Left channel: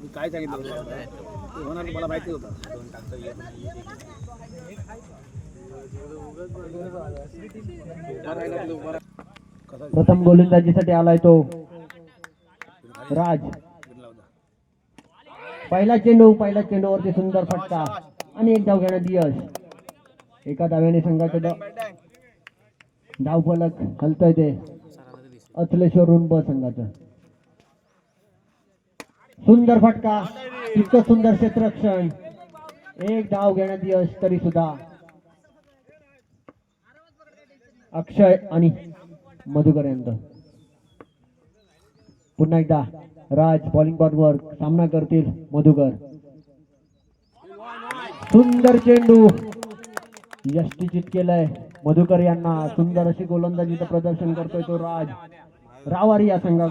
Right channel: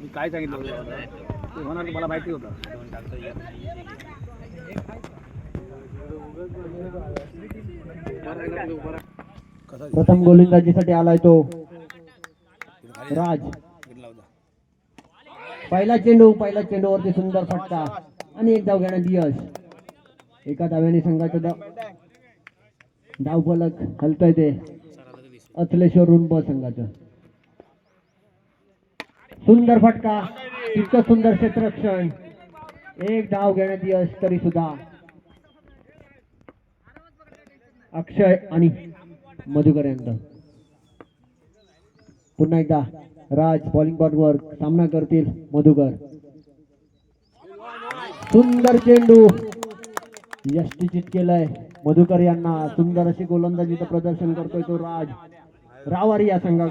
मी काय सांगितलं? होतं? ते होणार मला माहिती होतं. प्रथम गोलंदाजीसाठी आलाय तो राज. पहिला चेंडू पहिला चेंडूवरती सुंदर फटका आणि एक धाव घेण्यात यश. एका धाव्याने संघाचं धाव धाव ते. अथलेश्वर रुंब संघाचं. सुंदर फटका इतकं सुंदर क्षेत्ररक्षण. एक धाव घेण्यात यश तरी सुद्धा. अक्षय आणि मधुकर यांचा पुन्हा एकदा राज बॉलिंग बॉलवर सामना करतील मधुकर. सुंदर चेंडू. यष्टीचित केलंय मधुकर यांना. सुंदर अशी गोलंदाजीचं प्रदर्शन करतोय तो राज. रावारी या संघात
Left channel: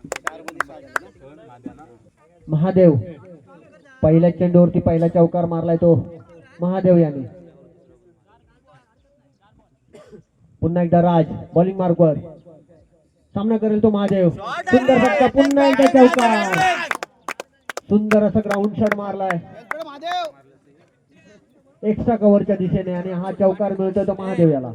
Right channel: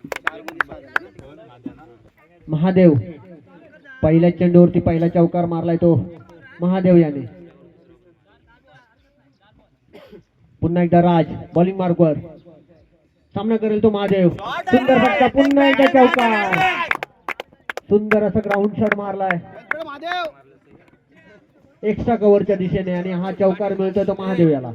महादेव. पहिल्या चेंडूवरती पहिला चौकार मारलाय तो महादेव याने. पुन्हा एकदा राज बॉलिंग मार्कवर सामना करेल तो महादेव. सुंदर फटका पुन्हा एकदा चौकार. सुंदर असं ग्राउंड शॉट मारलाय. एक्स्ट्रा कव्हरच्या दिशेने आणि हा चौकार मिळतोय तो महादेव याला.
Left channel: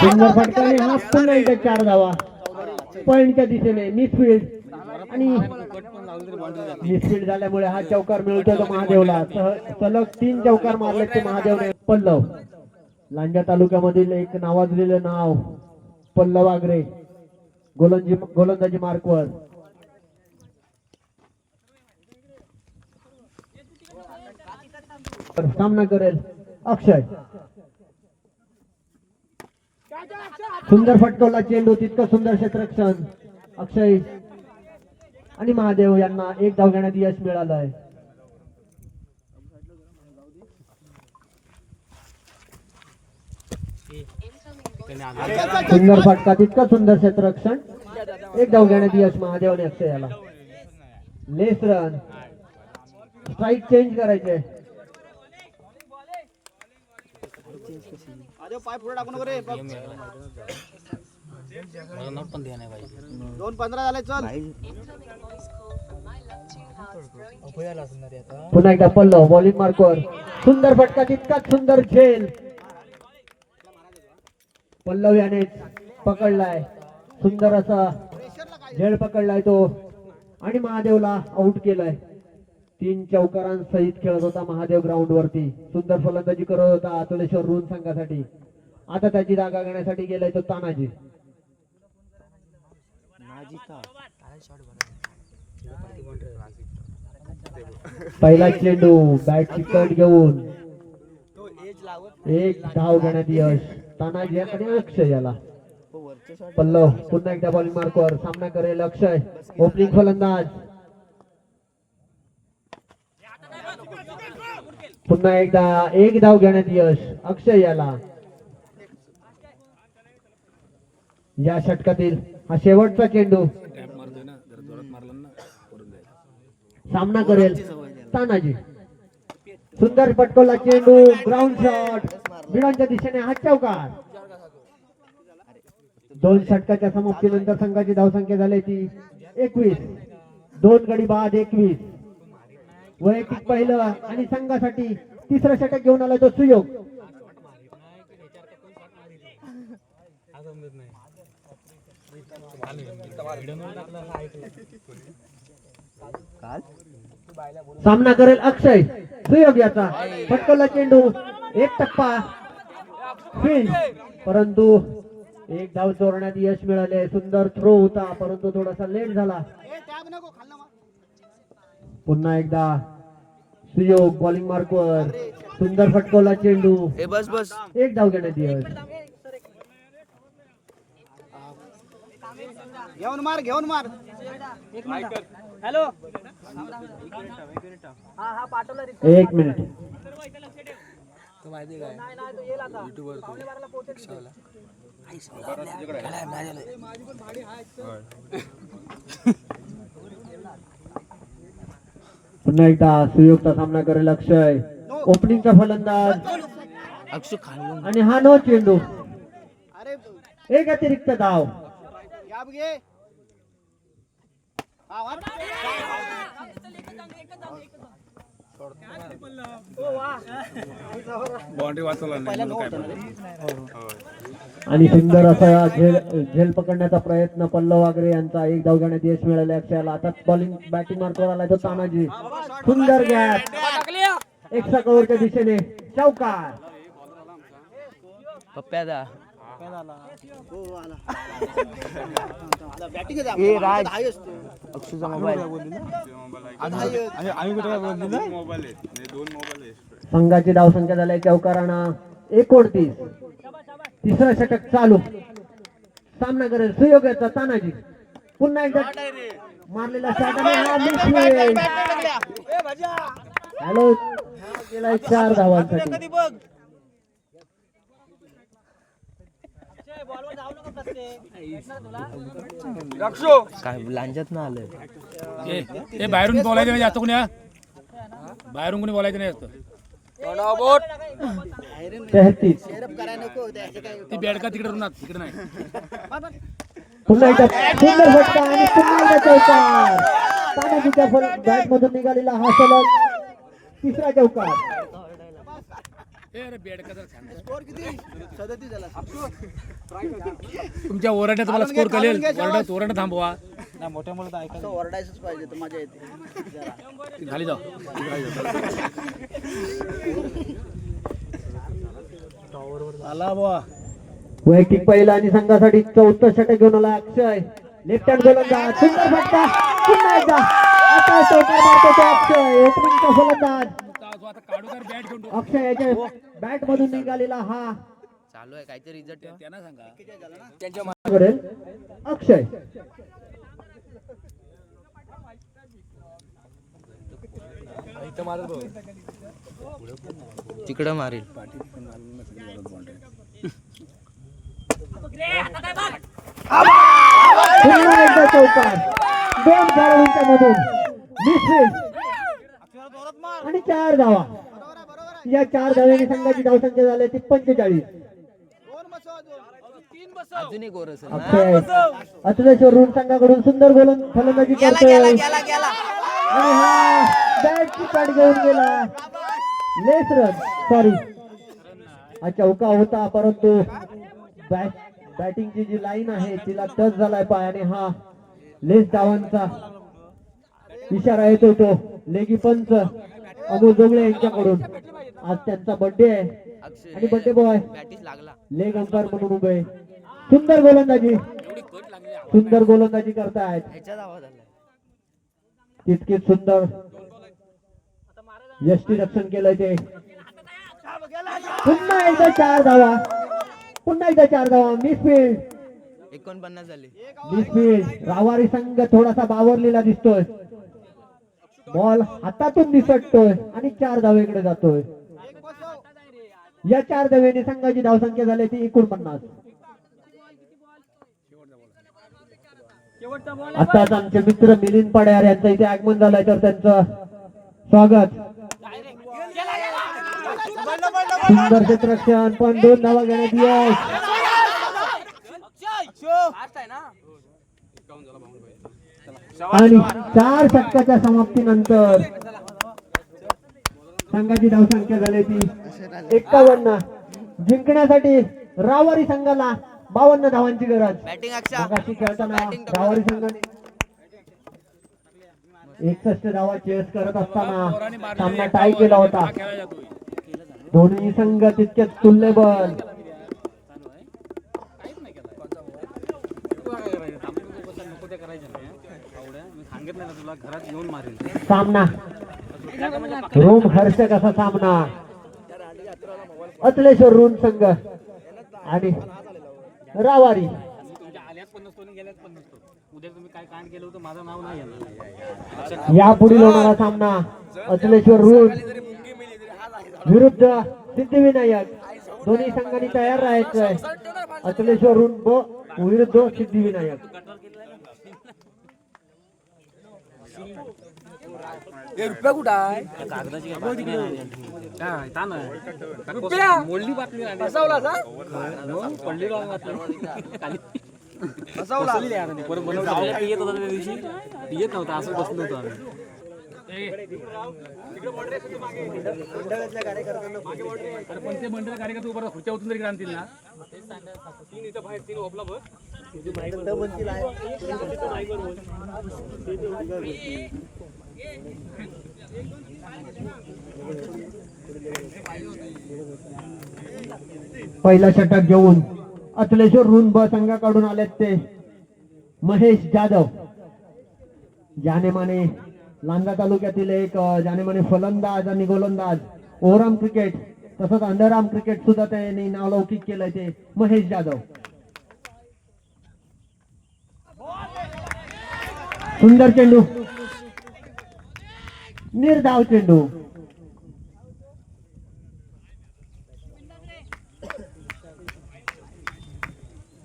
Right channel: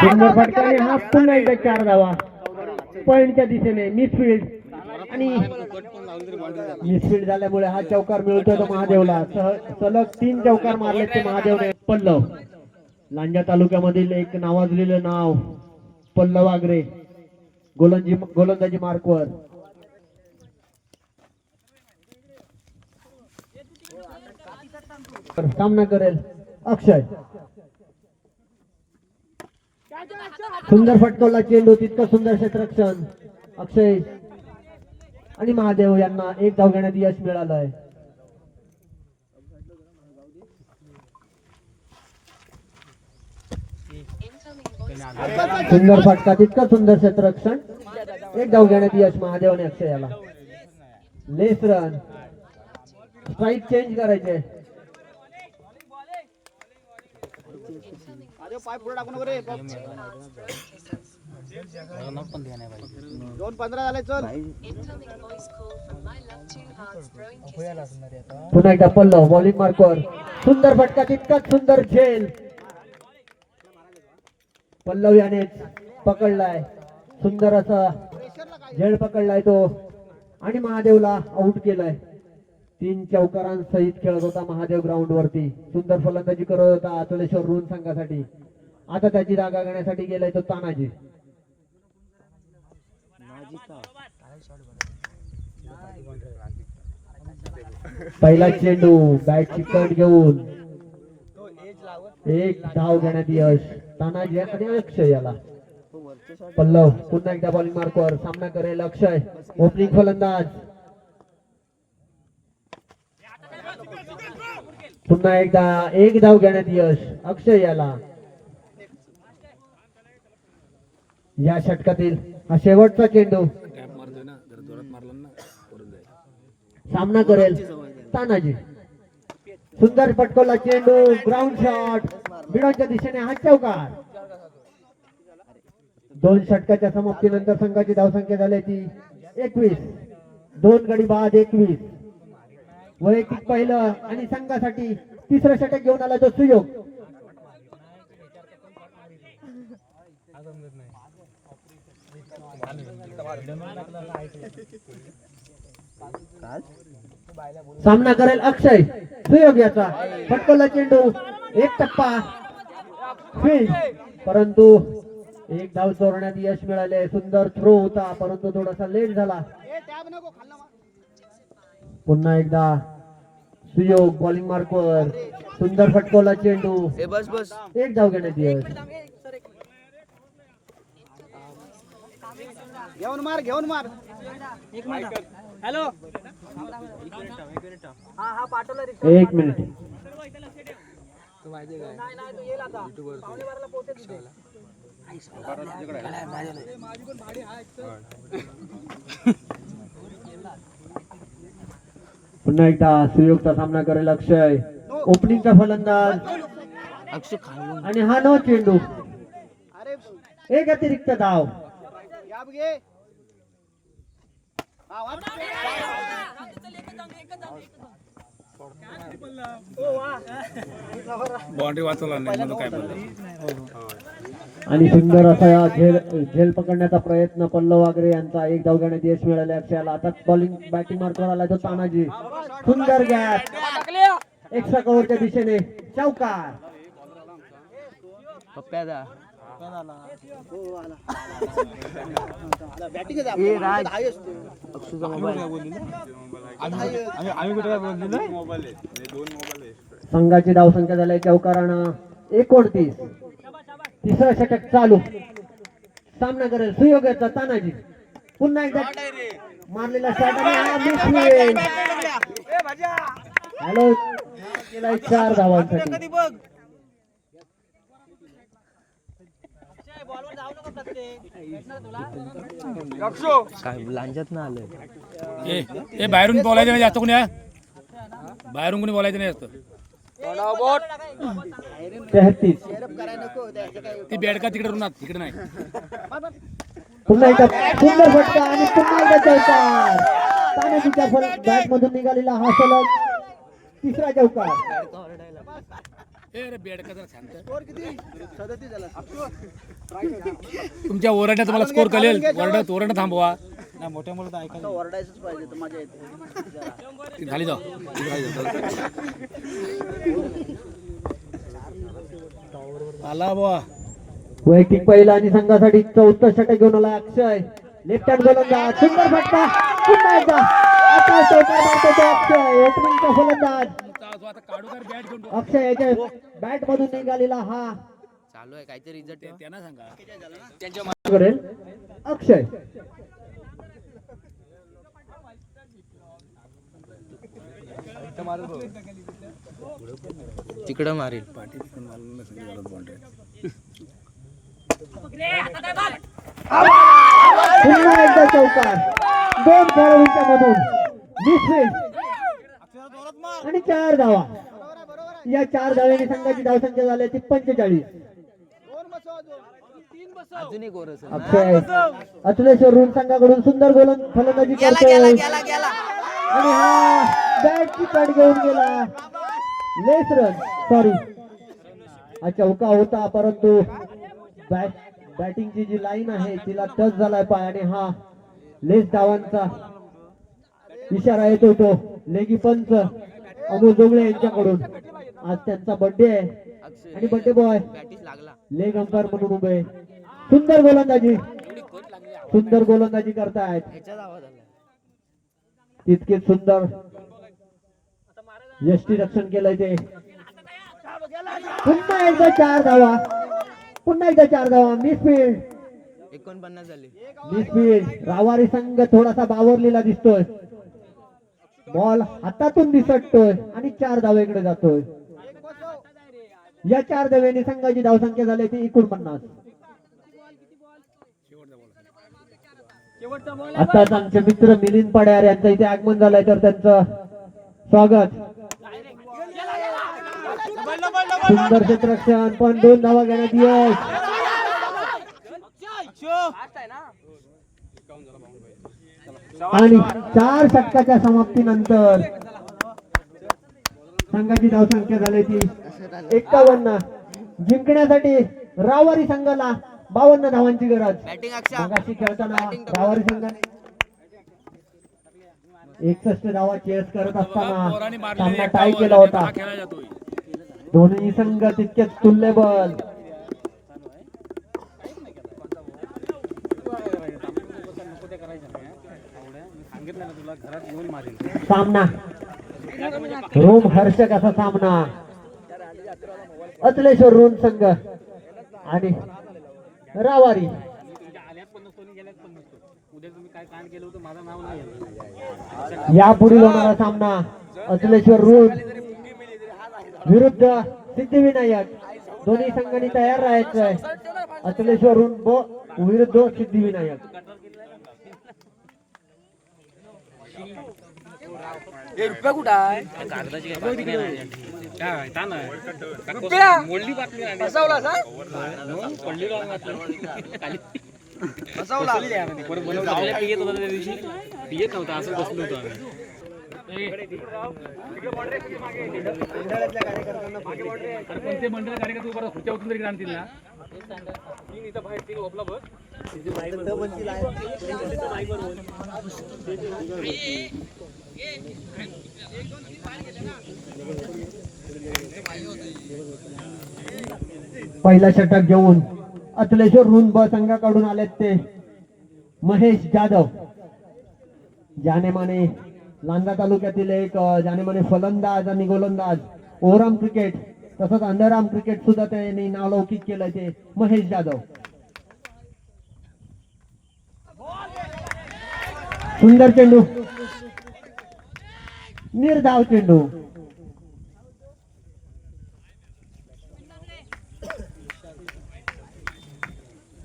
सुंदर फटकाने हा एकदा चार धावा पॉइंटच्या दिशेने मिसफिल्ड आणि मिसफिल्ड झाल्यामुळे हा चौकार मिळतोय तो महादेवला सलग तीन चौकार मारल्याचे महादेवने पल्लव लांजा तालुक्यामधील एक नावाजलेलं नाव पल्लव आगरे गोलंदाजी गोलंदाजी मार्कवर सामना करेल अक्षय. सुंदर फटकवला चेंडू तितकं सुंदर क्षेत्रक्षण अक्षय आणि महादेव यांना एक धाव घेण्यात यश मिळालं आहे सुंदर फटका तितकं सुंदर क्षेत्ररक्षण. एक धाव घेण्यात यश महादेव आणि अक्षय याला. लेस रन. स्ट्राईक चेंज करायचे. पाय पुढे टाकू नको रे नोट पण नाही पाहिजे दोन पंधरा झाले चल. पुन्हा एकदा पल्लव बॉलिंग मार्कवर सुंदर फटका तितकाच सुंदर झेल पल्लव याने पकडलाय. सुंदर असा झेल पकडलाय तो. आणि महादेवला आउट केलाय. तीन चौकारांसहित खेळत होता महादेव ग्राउंड वरती. सुंदर फलंदाजी करत होता अतुलेश्वर रून संघासाठी. आता त्याची जागा घेण्यासाठी गेलाय तो तानाजी. पहिला चेंडू बॅट चिकट घेऊन. एक धाव घेण्यात यश. तानाजी आणि अक्षय याला. पल्लव पुन्हा एकदा बॉलिंग मार्कवर सामना करेल अक्षय ओपनिंग फलंदाज. पुन्हा एकदा एक धाव घेण्यात यश अक्षय याला या षटकातील हा शेवटचा चेंडू. सामना करेल तानाजी. सुंदर पटकोला चेंडू ग्राउंड शॉट बिडांच्या दिशेने हात चौकार. दोन षटकाच्या समाप्तीनंतर संघाची धावसंख्या झाली ती एकवीस. दोन गडी बाद एकवीस. वैयक्तिक पहिलं आणि संघासाठी तिसरा षटक घेऊन आला तो सुयोग. सामना करेल अक्षय. सुयोग याचा. फटकोला चेंडू. एक टप्पा. फील्ड परंतु एक धाव चोरण्यात यश मिळाले सुंदर थ्रो होता. परंतु थोडासा लेट झाला. पुन्हा एकदा सुयोग बॉलिंग मार्कवर सुंदर फटकोला चेंडू. ए बस बस. एक धाव घेण्यात यश. घेऊन मार घेऊन मार. हॅलो. हा हा पाठवला रे एक मिनिट. तू माहिती काय नाही नाही तू येईल आता पावणे बाराला पोहोचेल तिथे. माझी पण भाडी आहे पुन्हा एकदा सुयोगचा सामना करेल अक्षय. ओपनिंगचा फलंदाज. आणि हा नो चेंडू. एक अतिरिक्त धाव. या बाउंड्री वाचवला नाही काय आणि सुंदर असा झेल झेल पकडण्याचा प्रयत्न पल्लव वागरे यांचा. एक धाव घेण्यात यश मिळाले अक्षयाला आता बॉलिंग बॅटिंग मार्कवर आला तो तानाजी. सुंदर गॅप एक्स्ट्रा कव्हरच्या दिशेने. चौकार. आहे संघाची धावसंख्या झाली चौकाराना एकोणतीस. तिसरं षटक चालू. सामना करेल सुयोगाचा तानाजी. पुन्हा एकदा मारलेला शॉट हॅलो गेला चार धावांसाठी बघ काय लांजात ना आलं ए ए, बाहेरून बोलायचं नाही जास्त कोणी हा? बाहेरून कोणी बोलायचं नाही जास्त? तेहतीस. ती बेडका तिकडे रुणात तिकडे नाही. पुन्हा एकदा सुंदर फटका आणि पुन्हा एकदा चौकार. तानाजीच्या बॅट मधून निघालेला हा सलग तिसरा चौकार. ए अरे बेडका जरा शांत. स्कोर किती? सदतीस झाला. तुमच्या ओरडण्यात तुम्हाला स्कोर कळेल. ओरडत ओरडणं थांबवा. मोठ्या मोठं ऐकायला ओरडायचंच पाहिजे मजा येते. जाऊ. वैयक्तिक पहिला आणि संघासाठी चौथं षटक घेऊन आला अक्षय. लेफ्ट हँड गोलंदाज सुंदर फटका. पुन्हा एकदा. आता चौकार मारतो तो अक्षय. ओपनिंगचा बॅट मधून निघालेला हा. चालू आहे काहीतरी रिझल्ट ठेवा त्यांना सांगा. करेल अक्षय. तिकडं मारेल. दोन खेळाडूंच्या मधून मिसफील्ड आणि चार धावा. या चार धाव्यांनी संघाची धावसंख्या झाली ती पंचेचाळीस. अजून एक अतुलेश्वर संघाकडून सुंदर गोलन फलंदाजी करतोय. आणि हा बॅटची कट घेऊन गेला. लेस रन सॉरी हा चौका होता परंतु बॅट बॅटिंगची जी लाईन आहे तिला टच झालाय पाय आणि हा लेस धावांचा इशारा येतो तो. लेगी पंच अमोल जोगळे यांच्याकडून. आज त्यांचा बर्थडे आहे. आणि बर्थडे बॉय लेग अंपायर म्हणून उभे सुंदर गोलंदाजी. सुंदर गोलंदाजी करतायत. तितकेच सुंदर. यष्टी रक्षण केलंय ते. पुन्हा एकदा चार धावा. पुन्हा एकदा चार धावा. मिसफील्ड एकोणपन्नास झाले. मिसफील्ड रावारी संघ थोडासा बावरलेला दिसतोय. बॉल हातातून दिसतोय आणि चार धावेकडे जातोय. या चार धाव्याने संघाची धावसंख्या झाली ती एकोणपन्नास आताच आमचे मित्र मिलिंद पड्यार यांचं इथे आगमन झालंय तर त्यांचं स्वागत. सुंदर क्षेत्ररक्षण पण दोन धावा घेण्यात यश. आणि चार षटकाच्या समाप्तीनंतर संघाची धावसंख्या झाली ती एकावन्न. जिंकण्यासाठी रावारी संघाला बावन्न धावांची गरज. मगाशी खेळताना रावारी संघाने एकसष्ट धावा चेस करत असताना सामना टाय केला होता. दोन्ही संघ तितकेच तुल्यबल सामना. रोम हर्षक असा सामना. अतलेश्वर रोम संघ. आणि रावारी. यापुढील होणारा सामना अतलेश्वर रोम. विरुद्ध सिद्धिविनायक. दोन्ही संघांनी तयार राहायचं आहे. अतलेश्वर ऋण व विरुद्ध सिद्धिविनायक. काय ताना मोडली बातमी पडली बातमी. येत होता त्या दिवशी. येत नव्हता असं बसलो होतो आम्ही. अरे पण ते मंडळ कार्यकर्ते उभा खुर्च्या उचलून तरी आणतील ना तीन इथं बाहेर तीन ओपला बघ पहिला षटक घेऊन अतलेश्वर ऋण ब संघाकडून आलेत ते महेश जाधव. जानेमाने लांजा तालुक्यातील एक ज्याने म्हणे फलंदाज आणि गोलंदाज. ओराम क्रिकेट तसंच अंधाराम क्रिकेट सुद्धा त्यांनी नावलौकिक केलंय ते महेश जाधव. सुंदर चेंडू. निर्धाव चेंडू.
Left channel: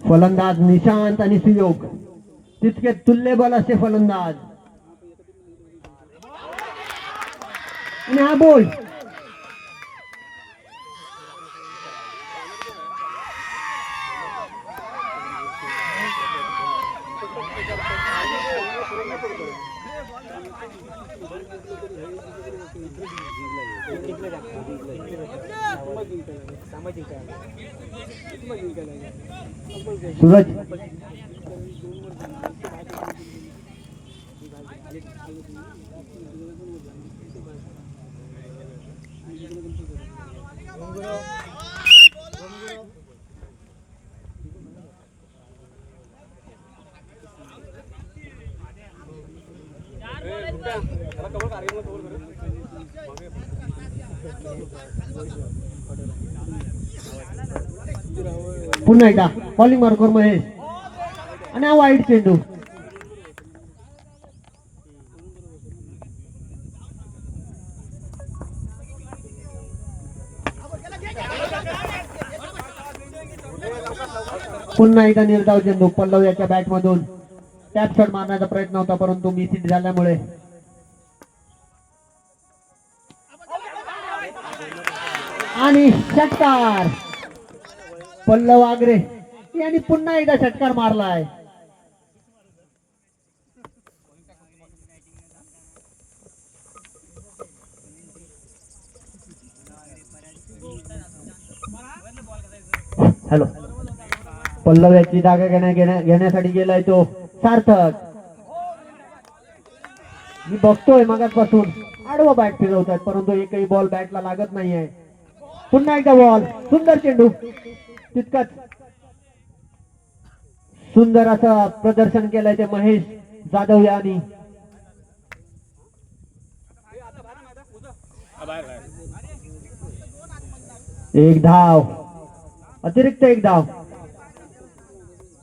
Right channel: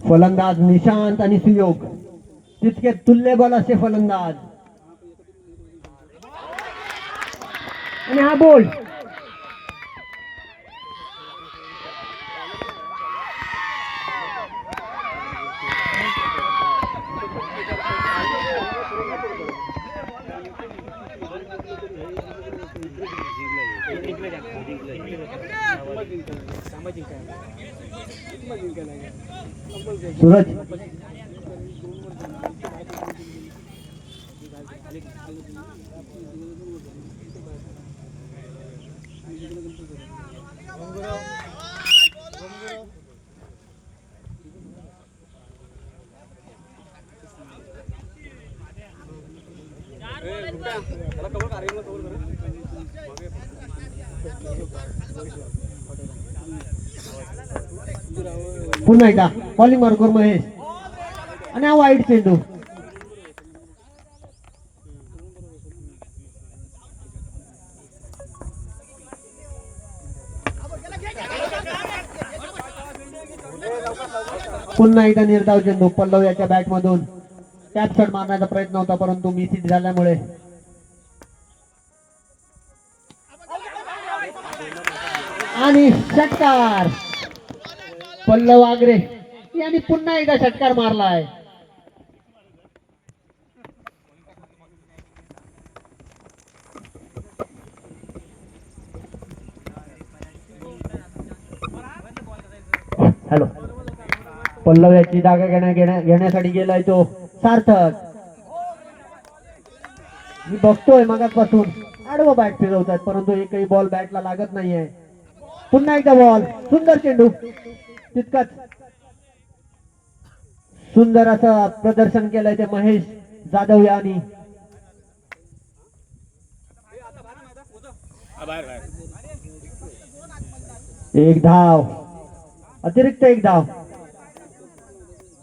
फलंदाज निशांत आणि सुयोग. तितके तुल्यबल असे फलंदाज. आणि हा बोल सूरज पुन्हा एकदा कॉलिंग मार्कवर महेश. आणि हा वाईट चेंडू पुन्हा एकदा निर्धाव चेंडू पल्लव याच्या बॅट मधून. टॅप शॉट मारण्याचा प्रयत्न होता परंतु मिसिट झाल्यामुळे. आणि षटकार. पल्लव आगरे यांनी पुन्हा एकदा षटकार मारलाय. हॅलो. पल्लव याची जागा घेण्या घेण्या- घेण्यासाठी गेलाय तो सार्थक. मी बघतोय मगाचपासून. आडवं बॅट फिरवतात परंतु एकही बॉल बॅटला लागत नाहीये. पुन्हा एकदा बॉल सुंदर चेंडू. तितकाच सुंदर असं प्रदर्शन केलंय ते महेश जाधव यांनी. एक धाव. अतिरिक्त एक धाव.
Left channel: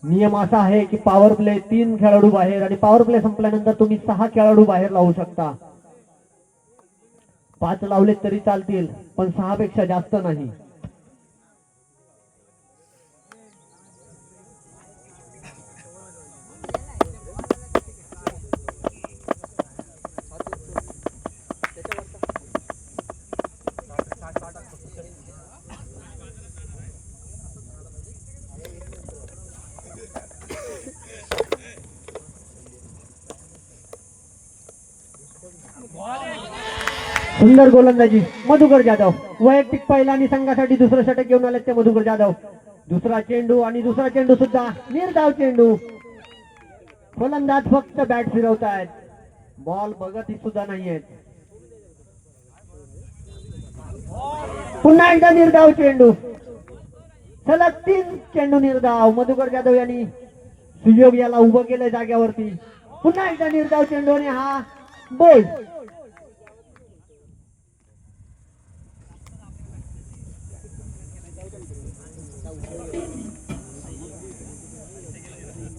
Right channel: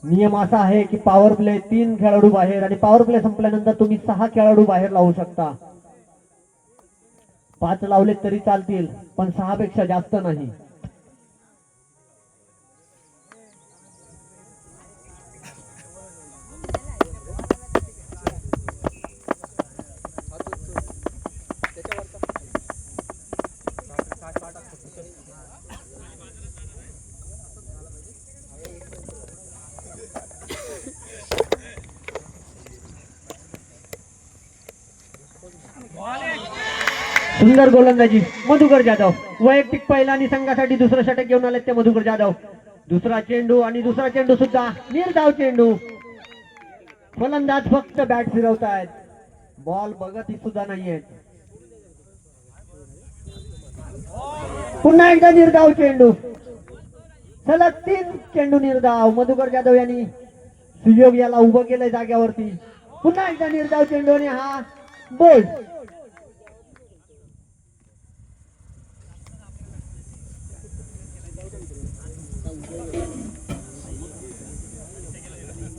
नियम असा आहे की पॉवर प्ले तीन खेळाडू बाहेर आणि पॉवर प्ले संपल्यानंतर तुम्ही सहा खेळाडू बाहेर लावू शकता. पाच लावले तरी चालतील पण सहा पेक्षा जास्त नाही. सुंदर गोलंदाजी मधुकर जाधव. वैयक्तिक पहिला आणि संघासाठी दुसरं षटक घेऊन आले ते मधुकर जाधव. दुसरा चेंडू आणि दुसरा चेंडू सुद्धा निर्धाव चेंडू. फलंदाज फक्त बॅट फिरवतायत. बॉल बघत सुद्धा नाहीयेत. पुन्हा एकदा निर्धाव चेंडू. सलग तीन चेंडू निर्धाव. मधुकर जाधव यांनी सुयोग याला उभं केलं जाग्यावरती पुन्हा एकदा निर्धाव चेंडू आणि हा बोल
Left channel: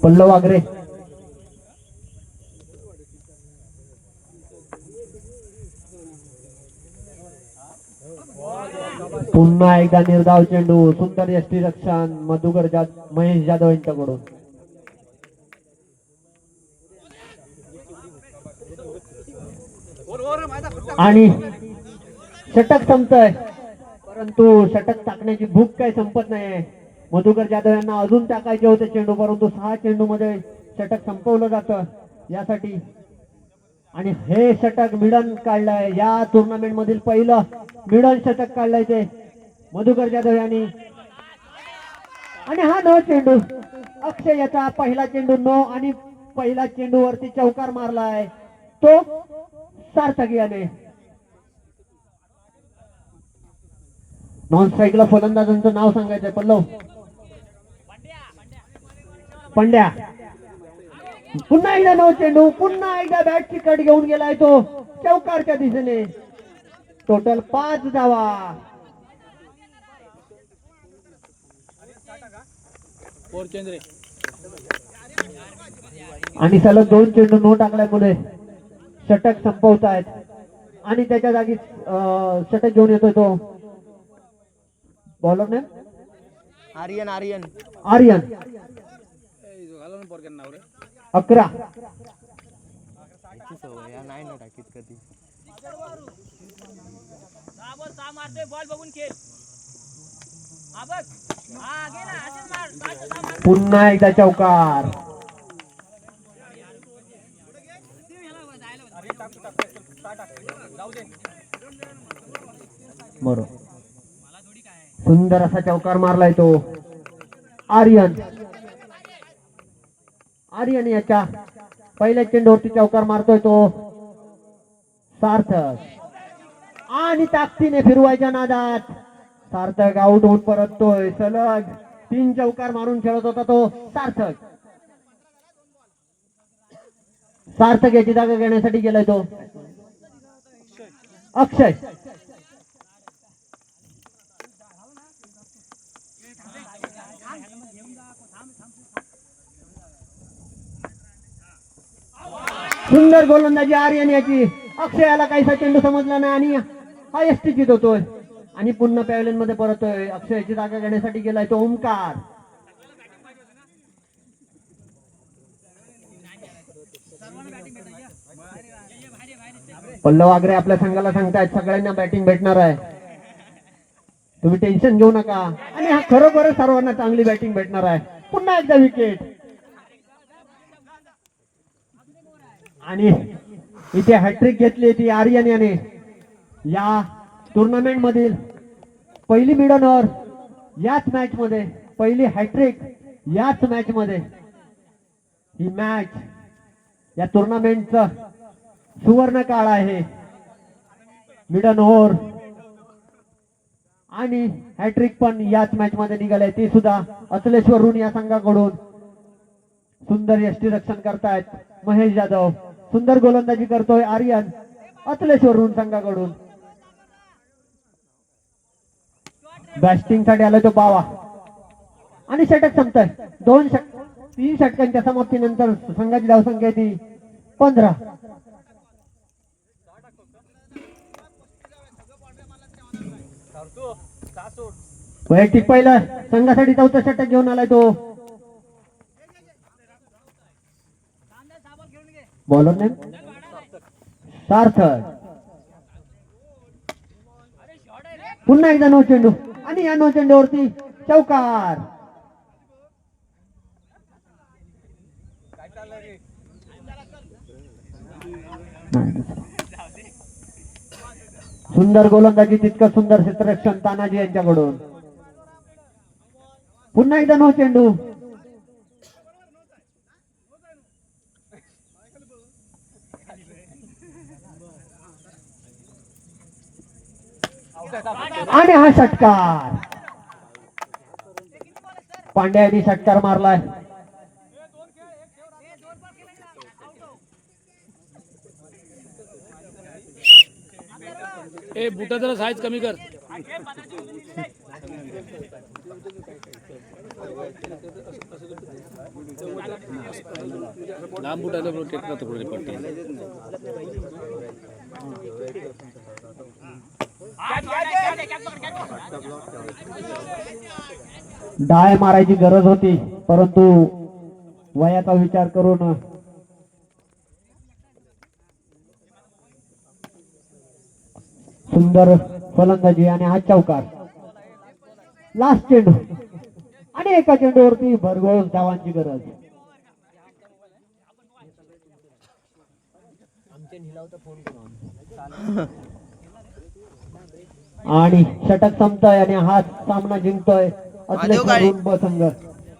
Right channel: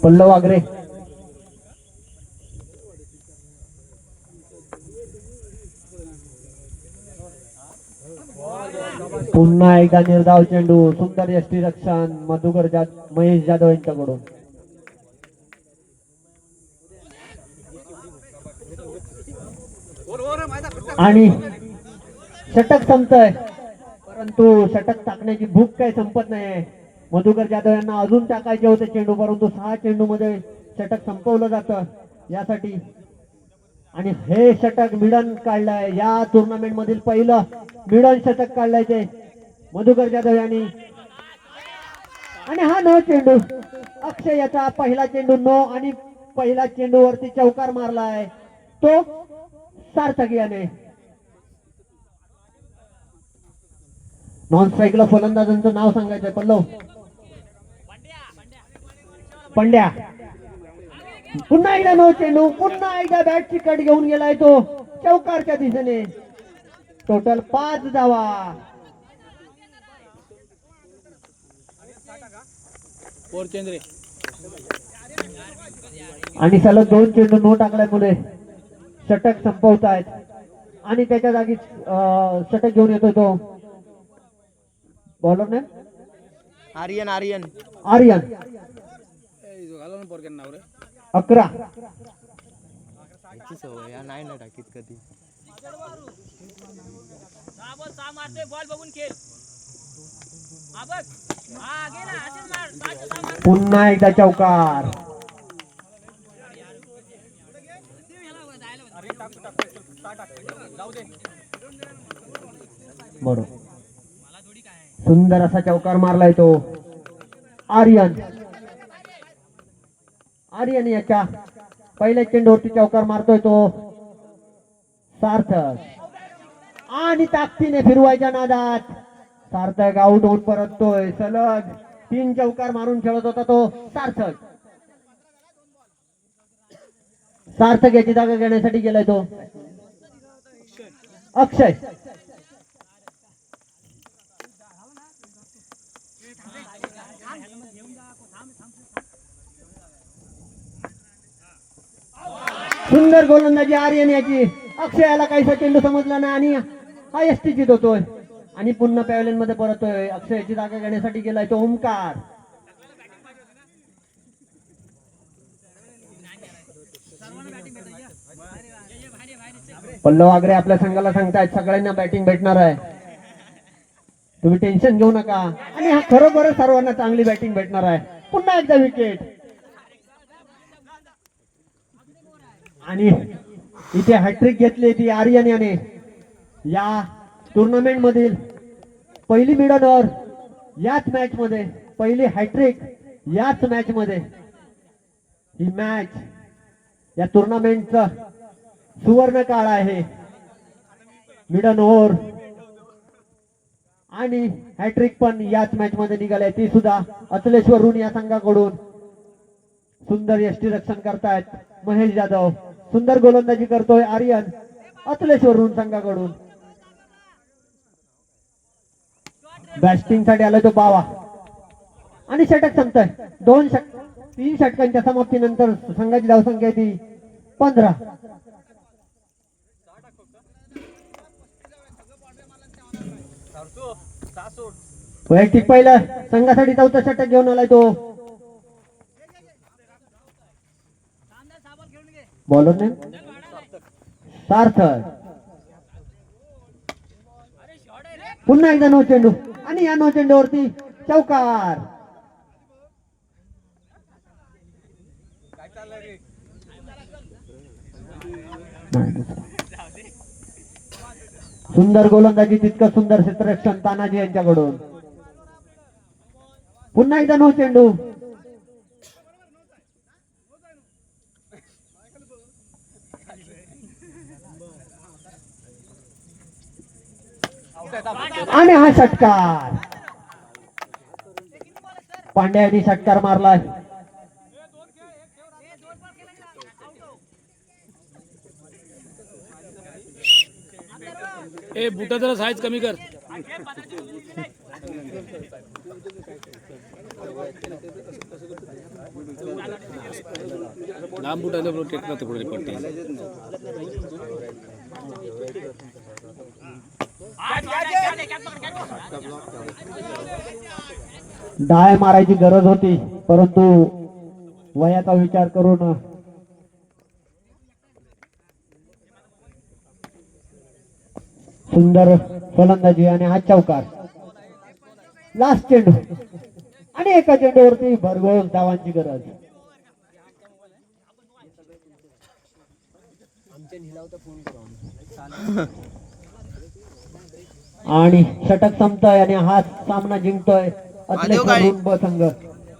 पल्लव वागरे पुन्हा एकदा निर्धाव चेंडू सुंदर यष्टी रक्षण मधुकर जाद महेश जाधव यांच्याकडून. आणि षटक संपतय. परंतु षटक टाकण्याची भूक काय संपत नाहीये. मधुकर जाधव यांना अजून टाकायचे होते चेंडू परंतु सहा चेंडू मध्ये षटक संपवलं जातं यासाठी. आणि हे षटक मिडन काढलंय. या टुर्नामेंट मधील पहिलं मिडन षटक काढलंय ते मधुकर जाधव यांनी. आणि हा न चेंडू अक्षय याचा पहिला चेंडू नो आणि पहिला चेंडू वरती चौकार मारलाय. तो सार्थक याने नॉन स्ट्राईकला फलंदाजांचं नाव सांगायचंय. पल्लव. पंड्या. पुन्हा एकदा नो चेंडू पुन्हा एकदा बॅटची कट घेऊन गेलाय तो चौकारच्या दिशेने. टोटल पाच धावा. आणि सलग दोन चेंडू नो टाकल्यामुळे षटक संपवत आहेत आणि त्याच्या जागी षटक घेऊन येतोय तो. बॉलर ने? आर्यन आर्यन. आर्यन घाला ना पोरक्यानं नाव रे अकरा. याची सवय या नाही ना टाकीत कधी. पुन्हा एकदा चौकार. बरोबर. सुंदर असा चौकार मारलाय तो. आर्यन. आर्यन याच्या पहिल्या चेंडूवरती चौकार मारतोय तो. सार्थक. आणि ताकदीने फिरवायच्या नादात. सार्थक आउट होऊन परततोय. सलग तीन चौकार मारून खेळत होता तो सार्थक. सार्थक याची जागा घेण्यासाठी गेलाय तो. अक्षय. सुंदर गोलंदाजी आर्यन याची. अक्षयाला काहीसा चेंडू समजला नाही आणि हा एसटी जितवतोय आणि पुन्हा पॅव्हलियनमध्ये परतोय. अक्षयाची जागा घेण्यासाठी गेलाय तो ओंकार. पल्लव आगरे आपल्या संघाला सांगतायत सगळ्यांना बॅटिंग भेटणार आहे. तुम्ही टेन्शन घेऊ नका. आणि हा खरोखर सर्वांना चांगली बॅटिंग भेटणार आहे. पुन्हा एकदा विकेट आणि इथे हॅट्रिक घेतली ती आर्यन याने. या टुर्नामेंट मधील पहिली मिडन ओव्हर याच मॅच मध्ये पहिली हॅट्रिक याच मॅच मध्ये. ही मॅच या टुर्नामेंटचा सुवर्ण काळ आहे. मिडन ओव्हर आणि हॅट्रिक पण याच मॅच मध्ये निघाले ती सुद्धा अचलेश्वर ऋण या संघाकडून. सुंदर यष्टी रक्षण करतायत महेश जाधव. सुंदर गोलंदाजी करतोय आर्यन अतलेश्वरून संघाकडून. बॅटिंगसाठी आलाय तो बावा आणि षटक संपतोय. दोन षट तीन षटकांच्या समाप्तीनंतर संघाची धावसंख्या ती पंधरा. वैयक्तिक पहिला संघासाठी चौथा षटक घेऊन आलाय तो. बॉलर ने सार्थक पुन्हा एकदा नो चेंडू आणि या नो चेंडूवरती चौकार सुंदर गोलंदाजी तितकं सुंदर क्षेत्ररक्षण तानाजी यांच्याकडून। पुन्हा एकदा नो चेंडू आणि हा षटकार. पांड्या यांनी षटकार मारलाय. ए बुटा जरा साईज कमी कर. लांब बुट आले पुढे डाय मारायची गरज होती परंतु वयाचा विचार करून सुंदर फलंदाजी आणि हा चौकार. लास्ट चेंडू आणि एका चेंडूवरती भरघोस धावांची गरज. आणि षटक संपतोय आणि हा सामना जिंकतोय. संघ.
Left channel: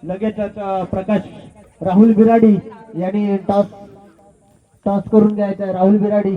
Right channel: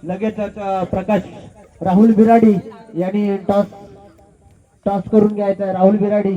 लगेचच प्रकाश राहुल बिराडी यांनी टॉस टॉस करून घ्यायचा राहुल बिराडी